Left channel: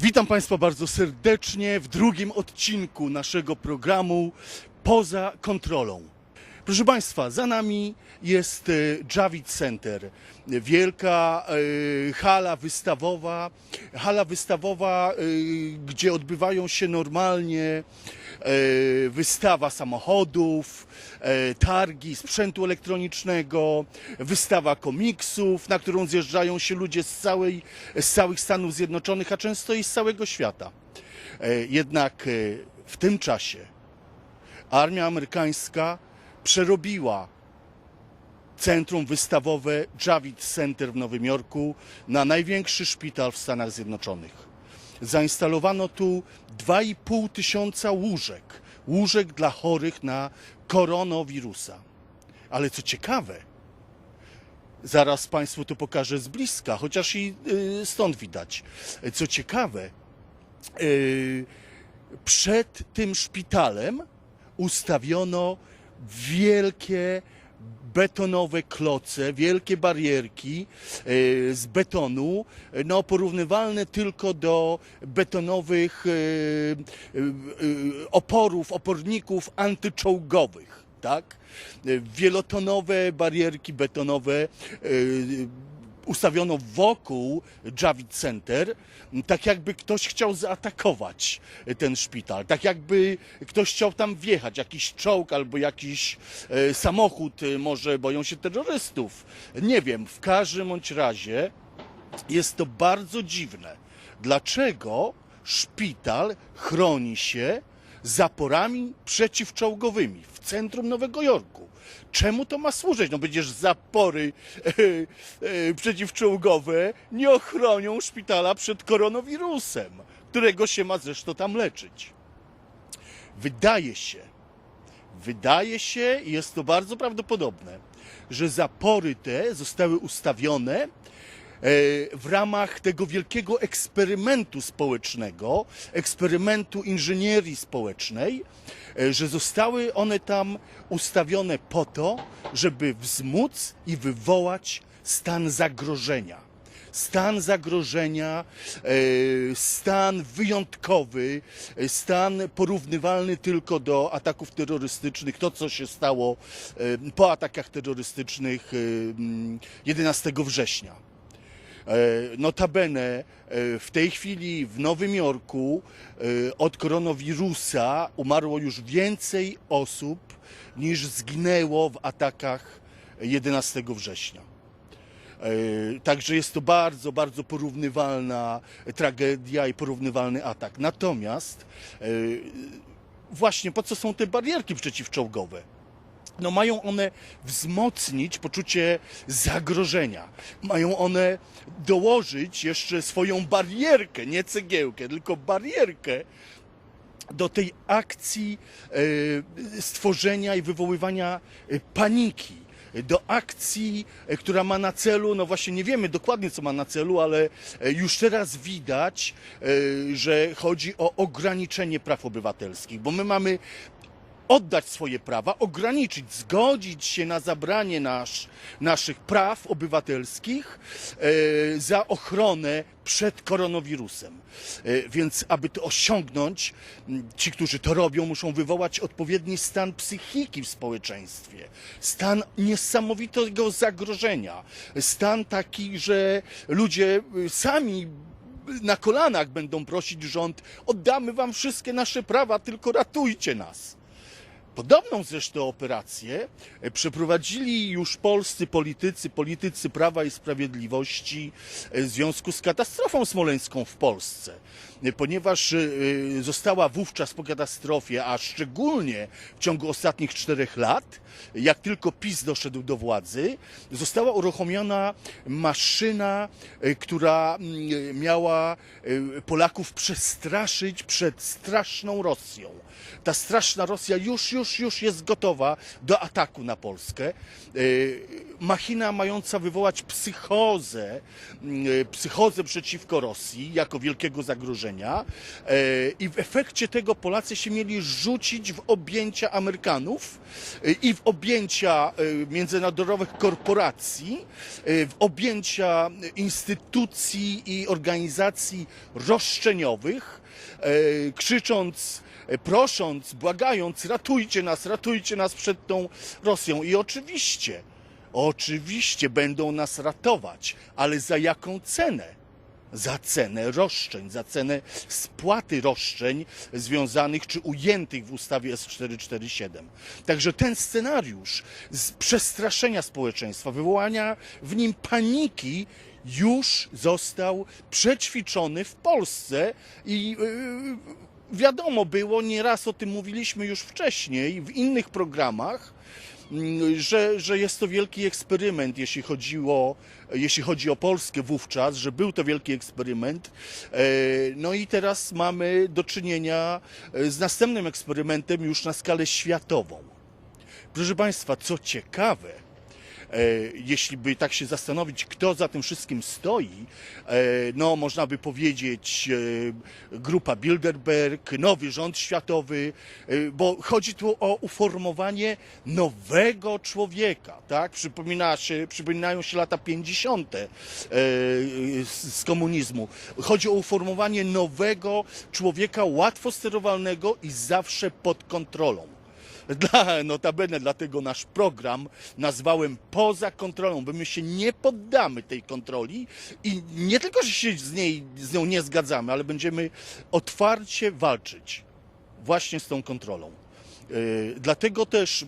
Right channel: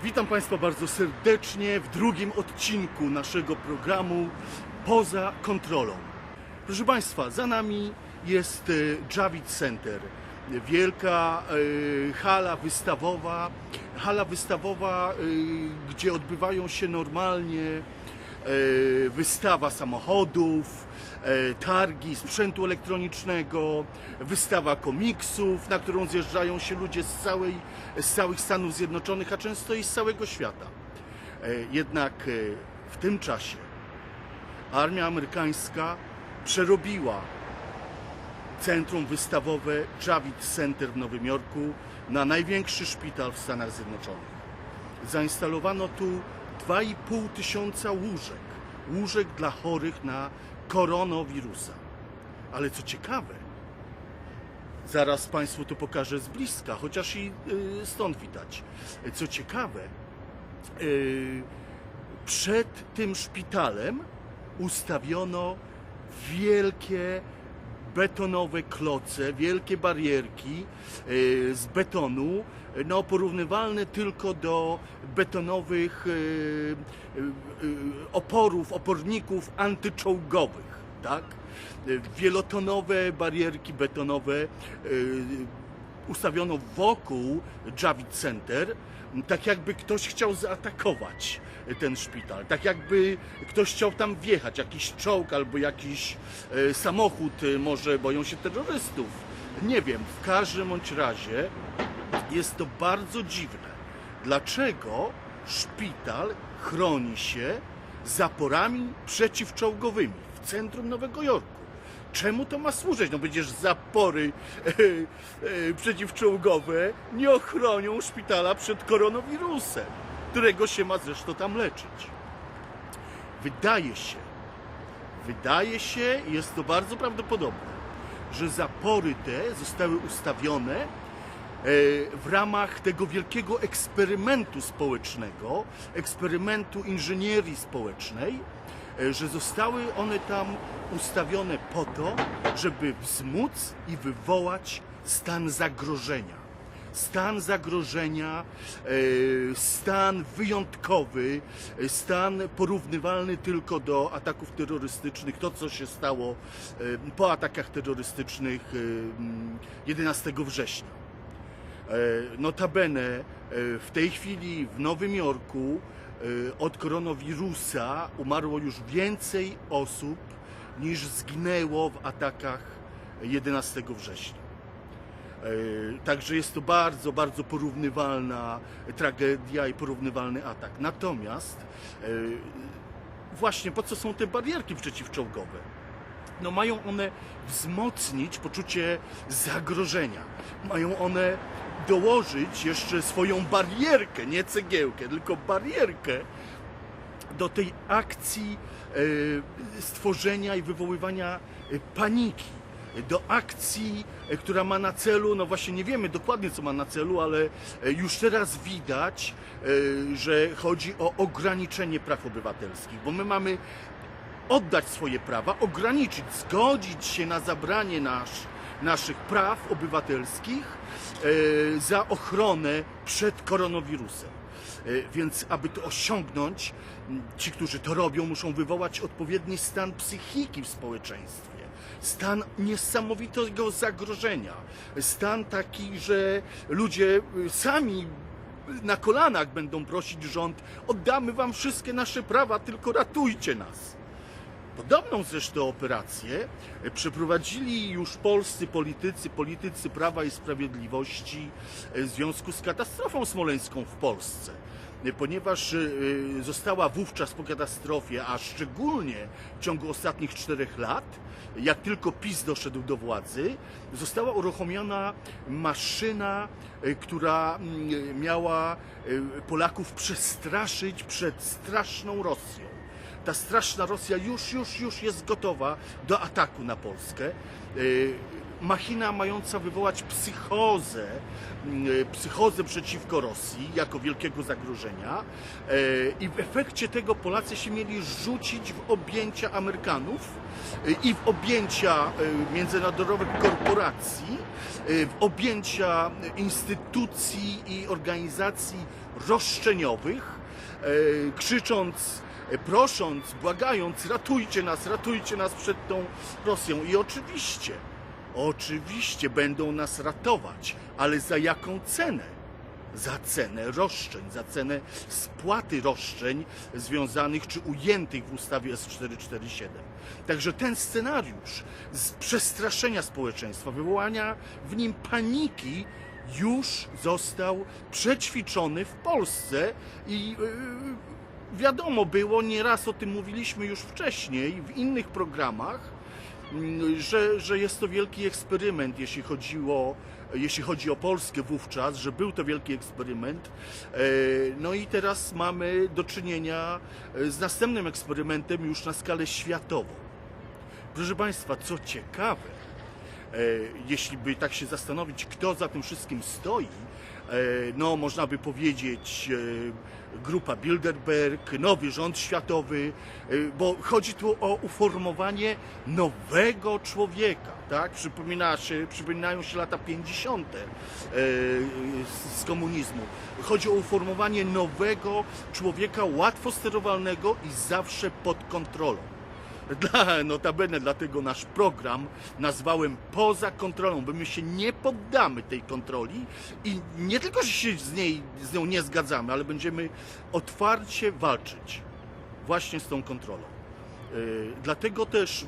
Witam Państwa bardzo serdecznie w drugim odcinku naszego programu Poza kontrolą. Proszę Państwa, za nami jest e, Javid Center. Wielka e, hala wystawowa, hala wystawowa, e, gdzie odbywają się normalnie wystawa samochodów, e, targi sprzętu elektronicznego, wystawa komiksów, na którą zjeżdżają się ludzie z, całej, z całych Stanów Zjednoczonych, a często i z całego świata. E, Jednak e, w tym czasie armia amerykańska przerobiła centrum wystawowe Javits Center w Nowym Jorku na największy szpital w Stanach Zjednoczonych. Zainstalowano tu 2,5 tysiąca łóżek, łóżek dla chorych na koronawirusa. Ale co ciekawe, zaraz Państwu to pokażę z bliska, chociaż i y, stąd widać. Co ciekawe, y, przed tym szpitalem ustawiono wielkie betonowe kloce, wielkie barierki e, z betonu, e, no porównywalne tylko do betonowych e, oporów, oporników antyczołgowych, tak? Wielotonowe barierki betonowe ustawiono wokół Javid Center, tak jakby ktoś chciał zaatakować ten szpital, tak jakby ktoś chciał tam wjechać, jakiś czołg albo jakiś e, samochód, e, może boją się terrorystów. Nie wiem, w każdym bądź razie jest to bardzo dziwne. Dlaczego szpital chroni się zaporami przeciwczołgowymi w centrum Nowego Jorku? Czemu to ma służyć? No przecież zapory e, e, przeciwczołgowe nie ochronią szpitala przed koronawirusem, którego się ma zresztą tam leczyć. Wydaje się, wydaje się, i jest to bardzo prawdopodobne, że zapory te zostały ustawione w ramach tego wielkiego eksperymentu społecznego, eksperymentu inżynierii społecznej, e, że zostały one tam ustawione po to, żeby wzmóc i wywołać stan zagrożenia. Stan zagrożenia, e, stan wyjątkowy, e, stan porównywalny tylko do ataków terrorystycznych, to co się stało e, po atakach terrorystycznych e, mm, 11 września. E, Notabene e, w tej chwili w Nowym Jorku e, od koronawirusa umarło już więcej osób niż zginęło w atakach 11 września. Także jest to bardzo, bardzo porównywalna tragedia i porównywalny atak. Natomiast właśnie po co są te barierki przeciwczołgowe? no mają one wzmocnić poczucie zagrożenia. Mają one dołożyć jeszcze swoją barierkę, nie cegiełkę, tylko barierkę do tej akcji e, stworzenia i wywoływania e, paniki. Do akcji, e, która ma na celu, no właśnie nie wiemy dokładnie co ma na celu, ale już teraz widać, że chodzi o ograniczenie praw obywatelskich, bo my mamy oddać swoje prawa, ograniczyć, zgodzić się na zabranie nasz, naszych praw obywatelskich e, za ochronę przed koronawirusem. E, więc, aby to osiągnąć, ci, którzy to robią, muszą wywołać odpowiedni stan psychiki w społeczeństwie. Stan niesamowitego zagrożenia. Stan taki, że ludzie y, sami na kolanach będą prosić rząd: oddamy wam wszystkie nasze prawa, tylko ratujcie nas. Podobną zresztą operację e, przeprowadzili już polscy politycy, politycy Prawa i Sprawiedliwości e, w związku z katastrofą smoleńską w Polsce. E, Ponieważ została wówczas po katastrofie, a szczególnie w ciągu ostatnich czterech lat, jak tylko PiS doszedł do władzy, została uruchomiona maszyna, która mm, miała Polaków przestraszyć przed straszną Rosją ta straszna Rosja już, już, już jest gotowa do ataku na Polskę. E, Machina mająca wywołać psychozę, e, psychozę przeciwko Rosji jako wielkiego zagrożenia E, i w efekcie tego Polacy się mieli rzucić w objęcia Amerykanów i w objęcia międzynarodowych korporacji, w objęcia instytucji i organizacji roszczeniowych, krzycząc, prosząc, błagając, ratujcie nas, ratujcie nas przed tą Rosją. I oczywiście, oczywiście będą nas ratować, ale za jaką cenę? Za cenę roszczeń, za cenę spłaty roszczeń związanych czy ujętych w ustawie S447. Także ten scenariusz z przestraszenia społeczeństwa, wywołania w nim paniki, już został przećwiczony w Polsce i yy, wiadomo było, nieraz o tym mówiliśmy już wcześniej w innych programach, mm, że, że jest to wielki eksperyment, jeśli chodziło, jeśli chodzi o Polskę wówczas, że był to wielki eksperyment. E, No i teraz mamy do czynienia e, z następnym eksperymentem już na skalę światową. Proszę Państwa, co ciekawe, e, jeśli by tak się zastanowić, kto za tym wszystkim stoi, no można by powiedzieć e, grupa Bilderberg, nowy rząd światowy, e, bo chodzi tu o uformowanie nowego człowieka, tak? Przypomina się, przypominają się lata 50. e, z z komunizmu. Chodzi o uformowanie nowego człowieka, łatwo sterowalnego i zawsze pod kontrolą. Dla, notabene dlatego nasz program nazwałem poza kontrolą, bo my się nie poddamy tej kontroli i nie tylko że się z, niej, z nią nie zgadzamy, ale będziemy otwarcie walczyć właśnie z tą kontrolą. Yy, dlatego też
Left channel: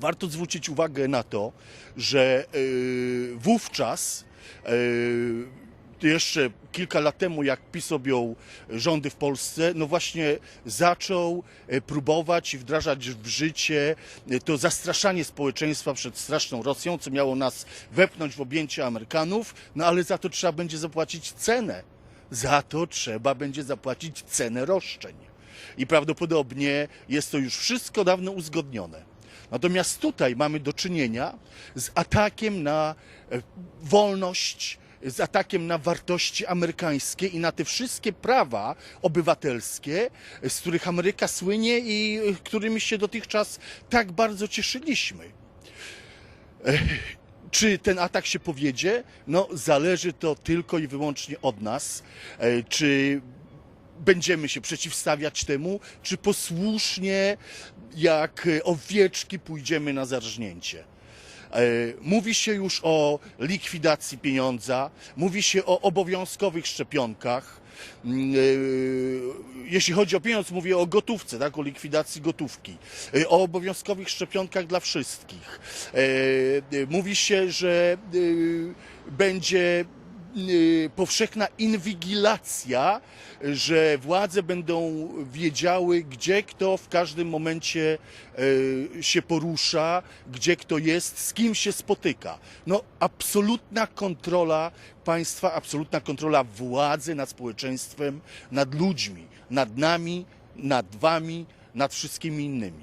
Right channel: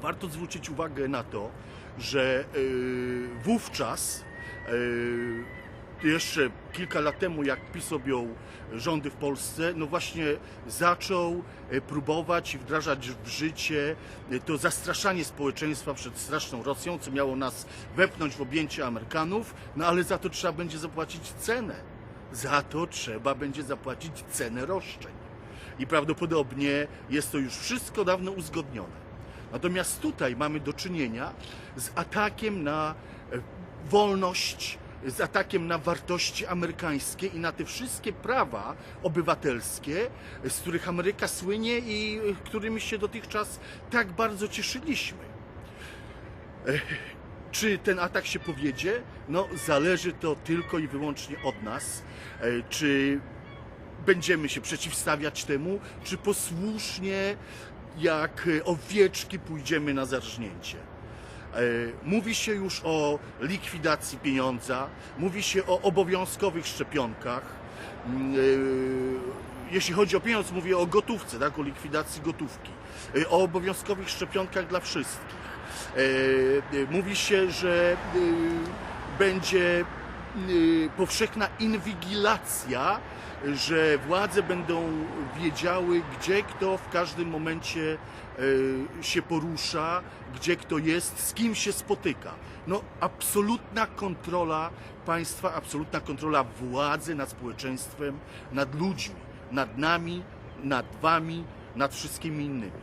warto zwrócić uwagę na to, że yy, wówczas yy, jeszcze kilka lat temu, jak PiS objął rządy w Polsce, no właśnie zaczął e, próbować i wdrażać w życie e, to zastraszanie społeczeństwa przed straszną Rosją, co miało nas wepchnąć w objęcie Amerykanów, no ale za to trzeba będzie zapłacić cenę. Za to trzeba będzie zapłacić cenę roszczeń. I prawdopodobnie jest to już wszystko dawno uzgodnione. Natomiast tutaj mamy do czynienia z atakiem na e, wolność, z atakiem na wartości amerykańskie i na te wszystkie prawa obywatelskie, z których Ameryka słynie i e, którymi się dotychczas tak bardzo cieszyliśmy. Czy ten atak się powiedzie? No, zależy to tylko i wyłącznie od nas. E, Czy będziemy się przeciwstawiać temu, czy posłusznie, jak e, owieczki, pójdziemy na zarżnięcie. E, Mówi się już o likwidacji pieniądza, mówi się o obowiązkowych szczepionkach. Mm, e, Jeśli chodzi o pieniądz, mówię o gotówce, tak? o likwidacji gotówki, e, o obowiązkowych szczepionkach dla wszystkich. Mówi się, że będzie powszechna inwigilacja, że władze będą wiedziały, gdzie kto w każdym momencie y, się porusza, gdzie kto jest, z kim się spotyka. No, absolutna kontrola państwa, absolutna kontrola władzy nad społeczeństwem, nad ludźmi, nad nami, nad wami, nad wszystkimi innymi.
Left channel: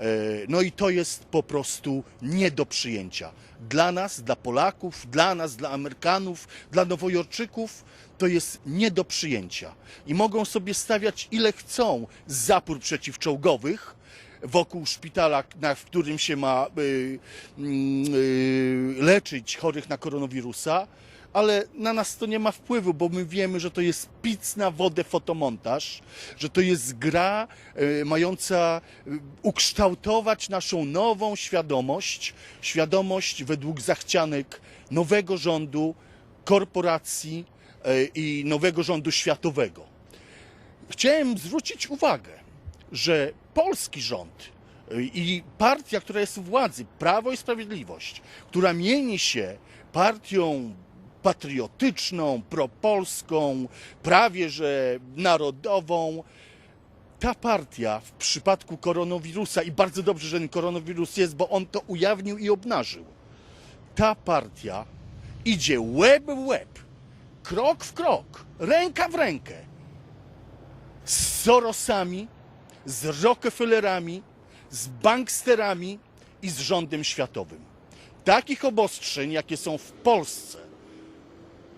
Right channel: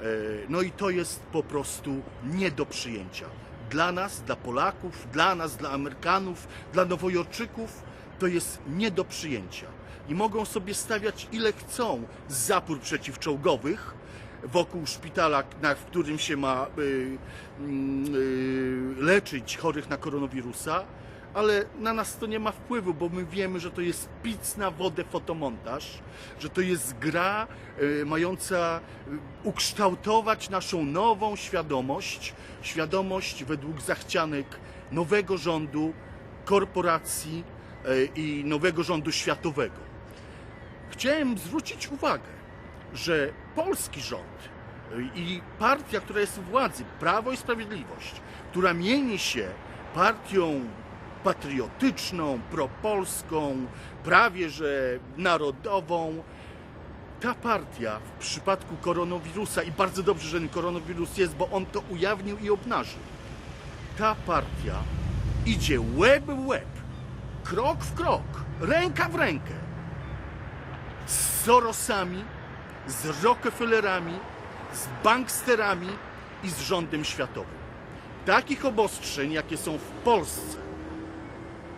E, No i to jest po prostu nie do przyjęcia. Dla nas, dla Polaków, dla nas, dla Amerykanów, dla Nowojorczyków to jest nie do przyjęcia. I mogą sobie stawiać ile chcą zapór przeciwczołgowych wokół szpitala, w którym się ma y, y, leczyć chorych na koronawirusa, ale na nas to nie ma wpływu, bo my wiemy, że to jest pic na wodę fotomontaż, że to jest gra y, mająca y, ukształtować naszą nową świadomość, świadomość według zachcianek nowego rządu, korporacji i nowego rządu światowego. Chciałem zwrócić uwagę, że polski rząd y, i partia, która jest u władzy, Prawo i Sprawiedliwość, która mieni się partią patriotyczną, propolską, prawie że narodową, ta partia w przypadku koronawirusa, i bardzo dobrze, że ten koronawirus jest, bo on to ujawnił i obnażył, ta partia idzie łeb w łeb, krok w krok, ręka w rękę z Sorosami, z Rockefellerami, z banksterami i z rządem światowym. Takich obostrzeń, jakie są w Polsce,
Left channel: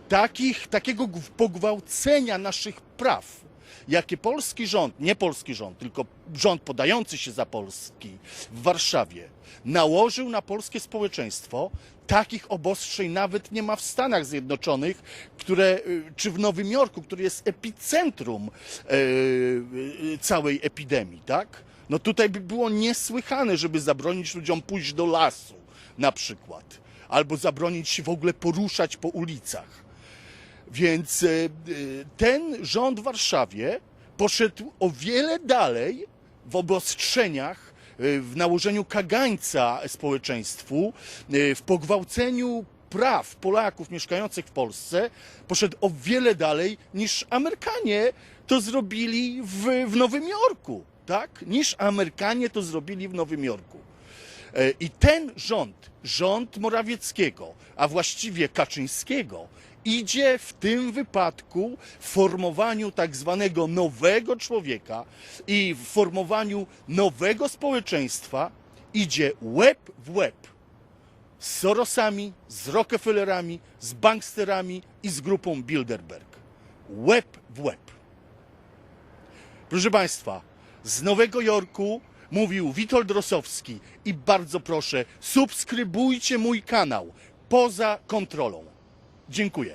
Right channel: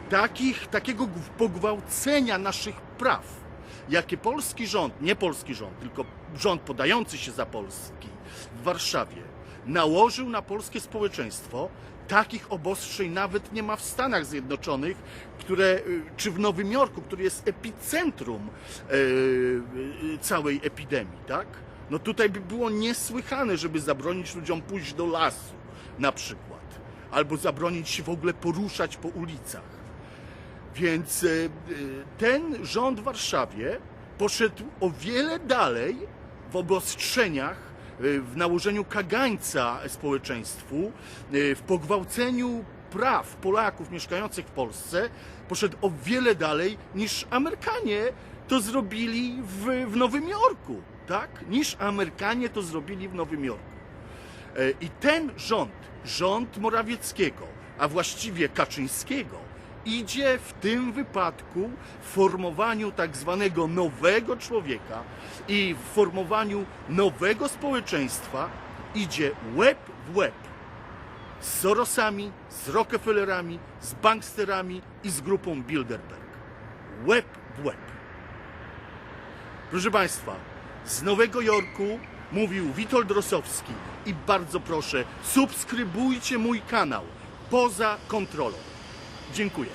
takich, takiego pogwałcenia naszych praw, jakie polski rząd, nie polski rząd, tylko rząd podający się za Polski w Warszawie nałożył na polskie społeczeństwo, takich obostrzeń nawet nie ma w Stanach Zjednoczonych, które, y, czy w Nowym Jorku, który jest epicentrum e, y, całej epidemii, tak? No tutaj by było niesłychane, żeby zabronić ludziom pójść do lasu na przykład, albo zabronić się w ogóle poruszać po ulicach. Więc e, ten rząd w Warszawie poszedł o wiele dalej w obostrzeniach, w nałożeniu kagańca społeczeństwu, e, w pogwałceniu praw Polaków mieszkających w Polsce, poszedł o wiele dalej niż Amerykanie to zrobili w, w Nowym Jorku, tak? Niż Amerykanie to zrobili w Nowym Jorku. E, I ten rząd, rząd Morawieckiego, a właściwie Kaczyńskiego, idzie w tym wypadku w formowaniu tak zwanego nowego człowieka i w formowaniu nowego społeczeństwa idzie łeb w łeb z Sorosami, z Rockefellerami, z banksterami i z grupą Bilderberg. Łeb w łeb. Proszę Państwa, z Nowego Jorku mówił Witold Rosowski i bardzo proszę, subskrybujcie mój kanał poza kontrolą. Dziękuję.